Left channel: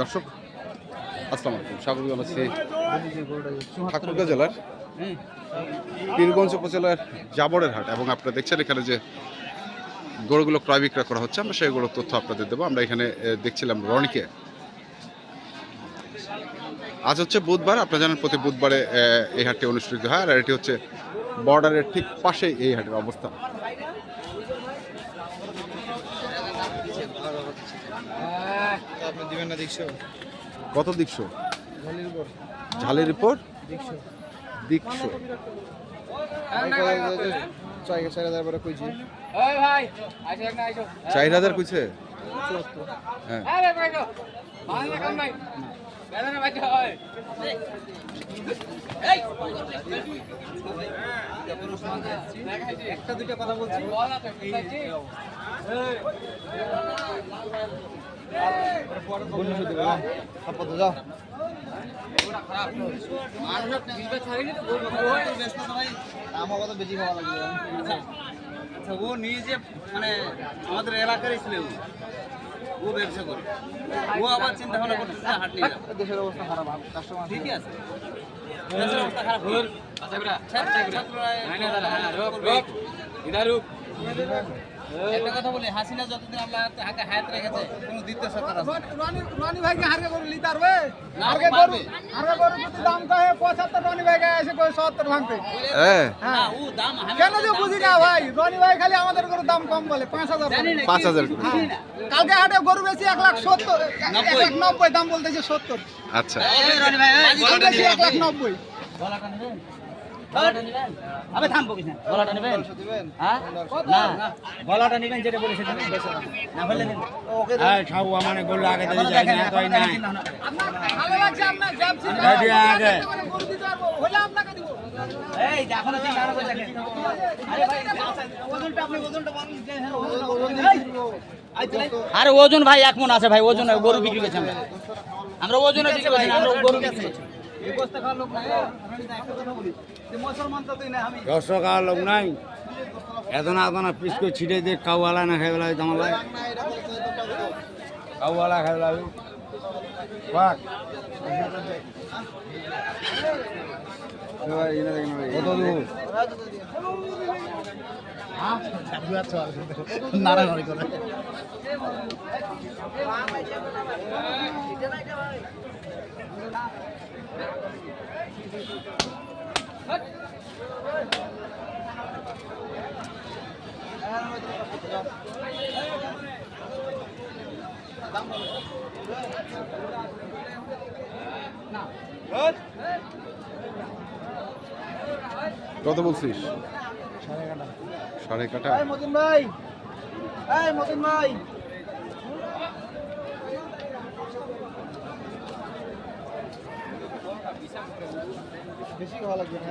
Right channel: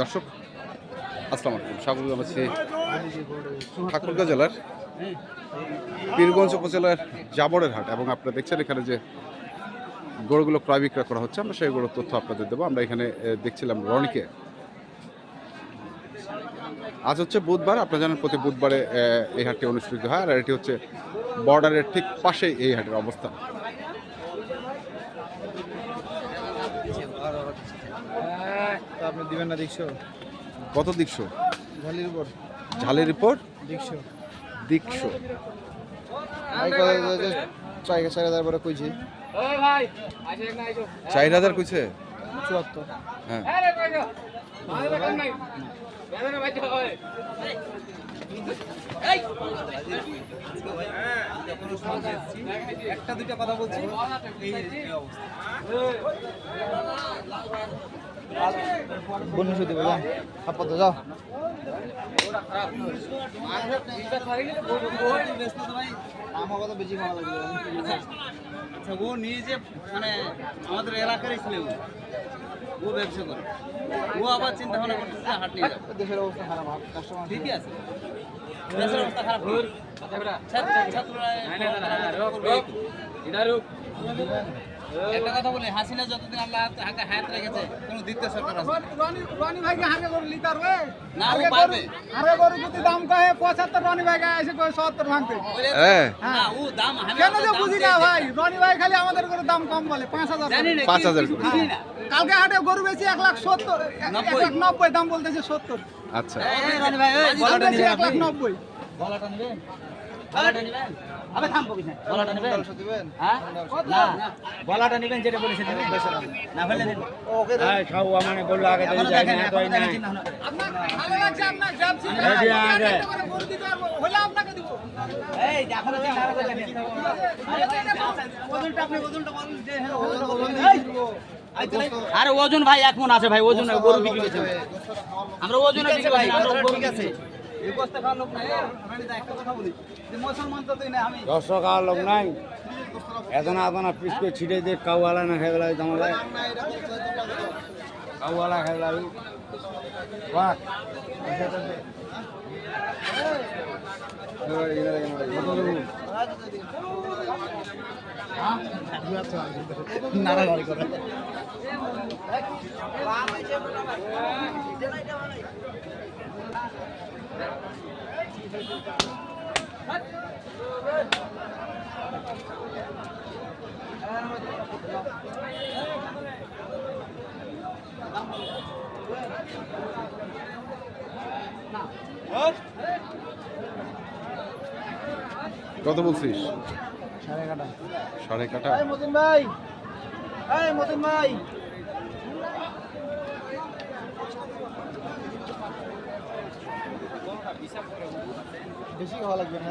দর্শক, আসসালামু আলাইকুম। স্বাগত জানাচ্ছি ঠাকুরগাঁ জেলার পীরগঞ্জ উপজেলার জাবরের হাট এবং আপনারা দেখছেন এখানে যে গরুগুলো ক্রয় বিক্রয় করা হচ্ছে, আমরা সেই গরুর তথ্য আপনাদের দেবো। আমরা এখানে দেখছিলাম রনিকে। আজ হচ্ছে বুধবার আপনারা জানেন প্রতি বুধবারে এই হাটটি অনুষ্ঠিত হয় আর এটি হচ্ছে বর্ডারের ঠিক পাশেই এই হাটের অবস্থান। আপনি দিবেন না দেখছ কত দিকশো? ঝালির উপর? দিকশো। চার হাজার কইছি? চার হাজার কইছে হ্যাঁ। একটা দুইটা কথা বলছি। যাও আচ্ছা ও নিয়ে যে মানে আমাদের এলাকারই ছিল। ও। ব্যবসা করে। ও আবার চিন্তা ভাবনা করতেছে হাট নিয়ে যাবে। দেশের অবস্থা খারাপ কাস্টমার ঠিকই আছে। দেশের অবস্থা খারাপ। ছাত্ররা একটু কথা বলি হাসিনা যতদিন আমরা হাতে- হায়াত রেখেছে কোনো দ্বিতীয় সরকার। রনি ভাইকে হারে করে লিতে পারবে ও হারে করে যদি দাম কহে পঁচাত্তর রনি ভাইকে এসে করে সত্তর ভাঙতে হ্যাঁ না, ও দাম কেন যে বুঝি না ভাই রনি ভাই খালি আমাদের করে দাম কম বলে পাঁচ হাজার জানি না, পাঁচ কি- হাজার করে। জানি না। কালকে হাটে গরু বেশি এক লাখ সত্তর এক নব্বই। লাখ নব্বই দাম বলতেছে সত্তর আচ্ছা রনি ভাই, লাখ নব্বই গলাটা নেবেন? গলাটা নেবেন? আবে থামবো কিনা? গলাটা নেবেন? হ্যাঁ? না, গলাটা নেবেন যেটা বলে সেটা নেবেন? না নেবেন। এখনও দেখেন, এখনও দেখেন চিন্তা ভাবনা করে। আপনার ভালো লাগছে আপনার দিতে পারব হলে আপনাকে দিব এই, দেখেন। আরে ভাই, ওজনটা আপনি ওজনটা বলেন যে হ্যাঁ, ওজনটা বলেন? আরে ওজন ভাই এক মন আছে ভাই ওজন গরু বিক্রি করছে আমরা। আমরা ওজনে বিক্রি করছি আমরা গরু বিক্রি করছি। বস্তা খাওয়ার লোক নাই, এই, রনিদা, একটা কথা বলি, যে মুসলমান তো তুই না, আমি দর্শক আর এত না এত না পিস করে ছিটে দিয়ে কাউওয়ালা না খেয়ে বেলায় তোমার কাউওয়ালা খেয়ে বাট কত কত বলছিস? সাড়ে কাটা এই মতিন ভাই এই মতিন ভাই। বেশি ভালো লাগবে না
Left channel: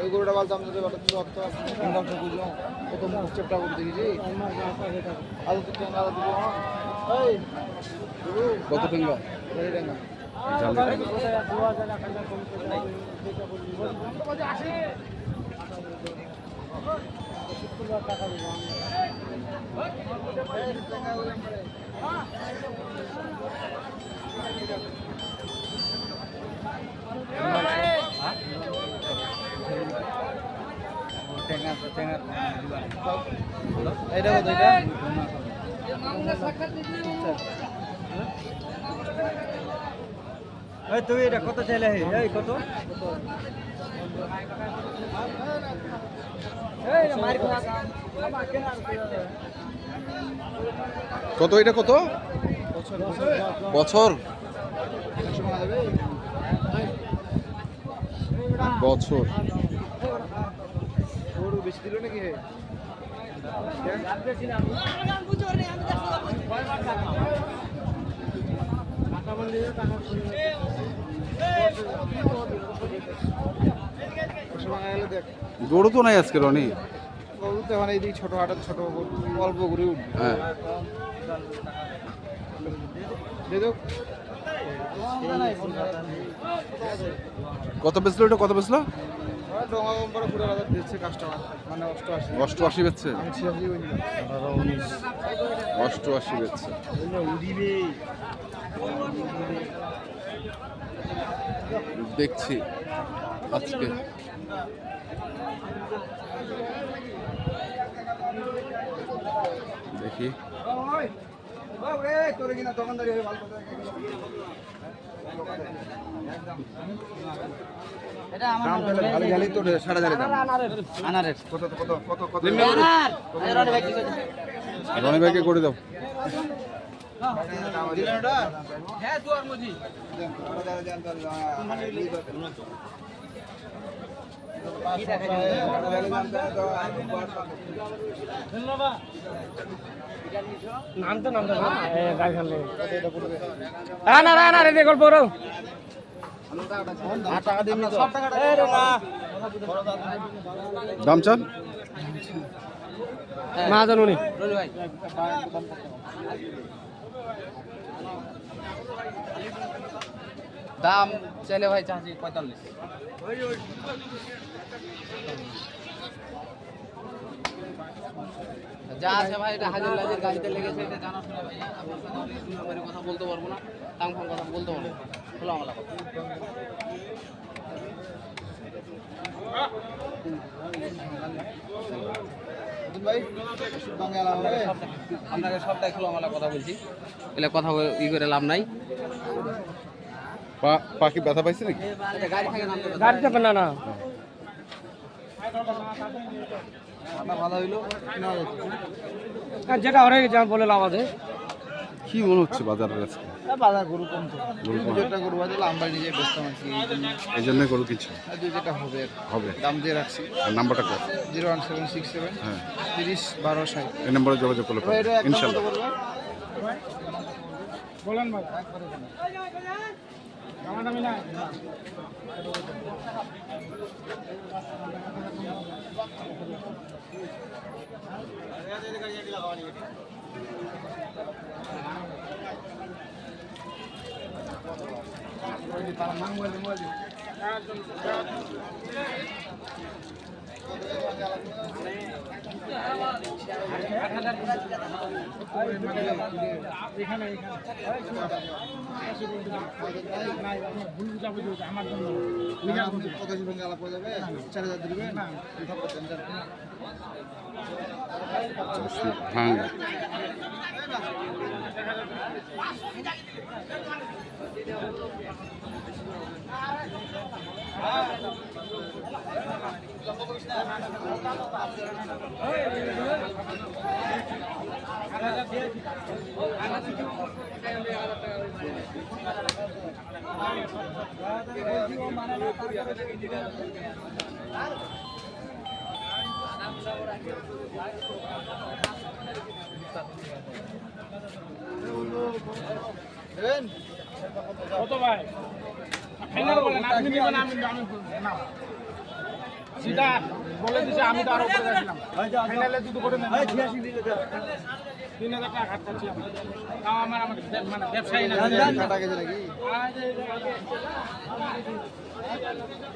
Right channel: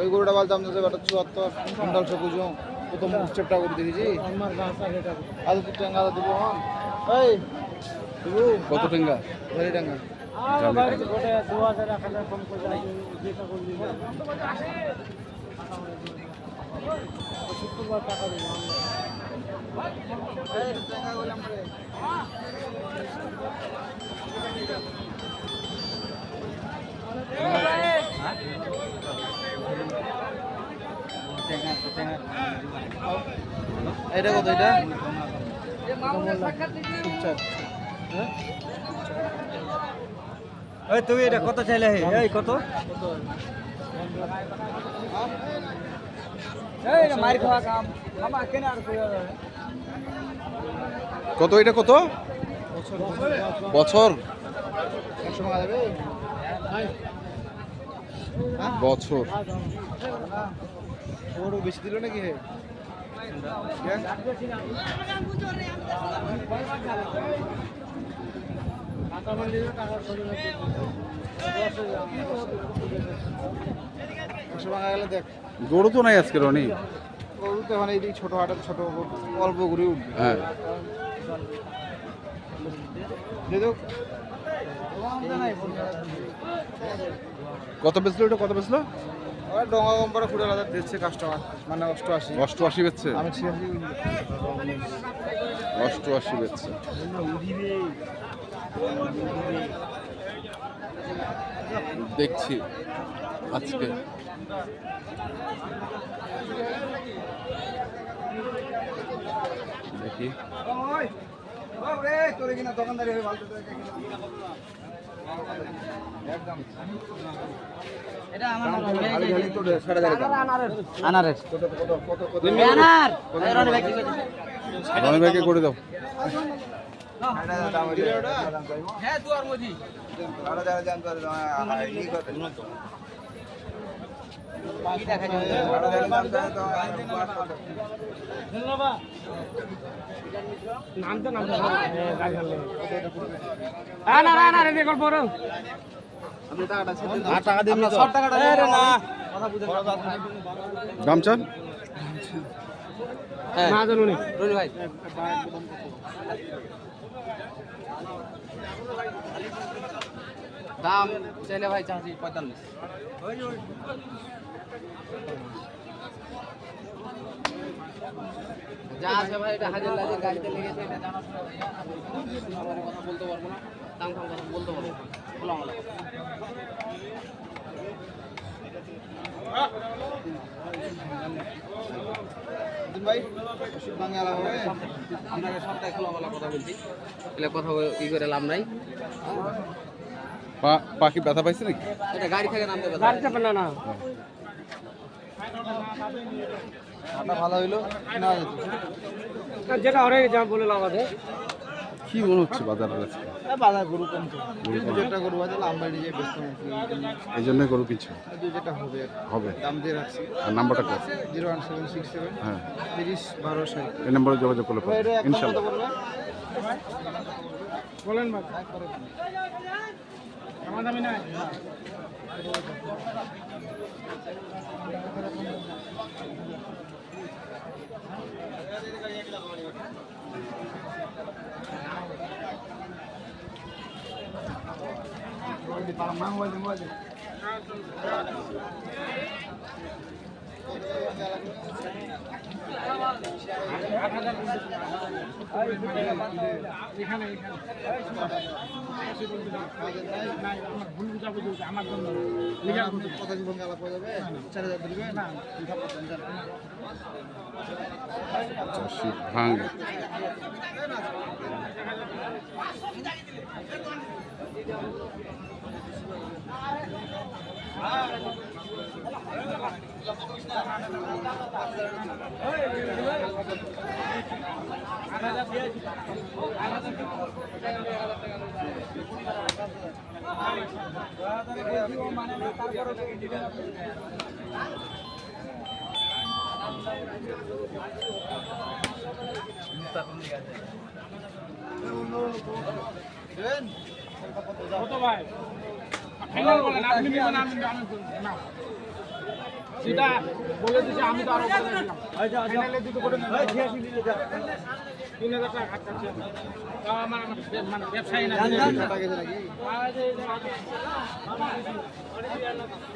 ওই গরুটা বলতে আমাদের ওটা চুয়াত্তর কুইন্টাল সবুজ প্রথম উচ্চটা করে দিয়েছি আজ তো টাঙ্গা দিব এই দেবু কত টেঙ্গা। টাকা। এটা কত এটা? তুই এটা কত চাইলে এই কত? কত এটা কত? বছর। বছর। বছর। গরু বেশি দিল নাকি হে গরু তো নাই আজকে রনি? গরু তো এখন এইদিকে ছোট হাটের ছোট অল্প গরু উঠবে। হ্যাঁ। কত বেচলো এটা? কত বেচলো? ডোঙা কোম্পানি ফুটে হাজার দিচ্ছে কাস্টমার মানে অষ্টআশি। অষ্টআশি বেচছে? আমি ছিয়াশি বলছিলাম অষ্টআশি বেচছে। দেখছি আজকে। দেখি। তোর কিনা দোকানদারি ভালো রনি ভাইকে করে দাও হ্যাঁ আনার আনার এই গল্প রো টাকা দাম চান? মা জানুনি ভাই দাম চাইলে ভাই চাচ্ছি পঁয়তাল্লিশ। যা আছে ভাই, এটা হাজার গাড়িতে লেগেছে, এটা জানা কথা বলতে পারব বলতে পারব খোলা সবটাই খোলামেলা কথা বলছি। এলে কথা ই করে লাভ নাই। পা পাখি ব্যথা পাইছে নাকি? গাড়ি থেকে গাড়ি থেকে না। না ভালো হইল না যেটা অনেক যা বলে লাভ আছে। কি মনে হচ্ছে বাজারের আজকে বাজার গরু কম তো। গরু কম। গরু আছে আমরা নিজে ব্যস্ত আছি। এই গরু দুই চারটা হবে হবে। দাম দিয়ে রাখছি। আর নাম্বারটা কত zero one seven six seven হ্যাঁ। তিরিশ বারো ষাট। এই নম্বরে যোগাযোগ করলে ইনশাল্লাহ। বলেন ভাই আমার দামি নাই জীবন গেলা পড়ে যাবে চার হাজার দিবে না কত ভাই ফাইনাল বলেন আপনি দিবেন আমি আমি না সেটা বলে দিছে আমি তো আরও করে দিলাম। ফাইনালে দুটো করে নেন। তিন হাজার টাকা খাচ্ছে তাও আমার আমার মানে ব্যবসায়ী না। টাকা গেছে নাকি?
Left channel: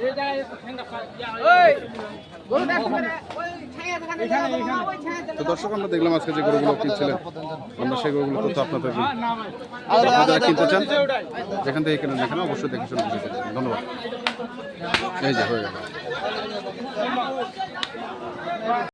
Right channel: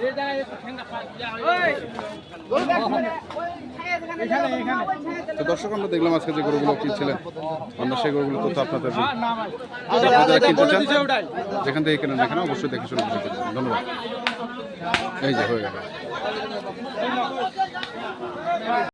এই জায়গায় একটু ঠান্ডা পাই ওই তো দর্শক আমরা দেখলাম আজকে যে গরুগুলো কিনছিলেন। আমরা সেই গরুগুলো তথ্য আপনাদের। আপনারা যারা কিনতে চান যেখান থেকে কেনেন না কেন অবশ্যই দেখে শুনে ধন্যবাদ। এই যে হয়ে গেল। すいません。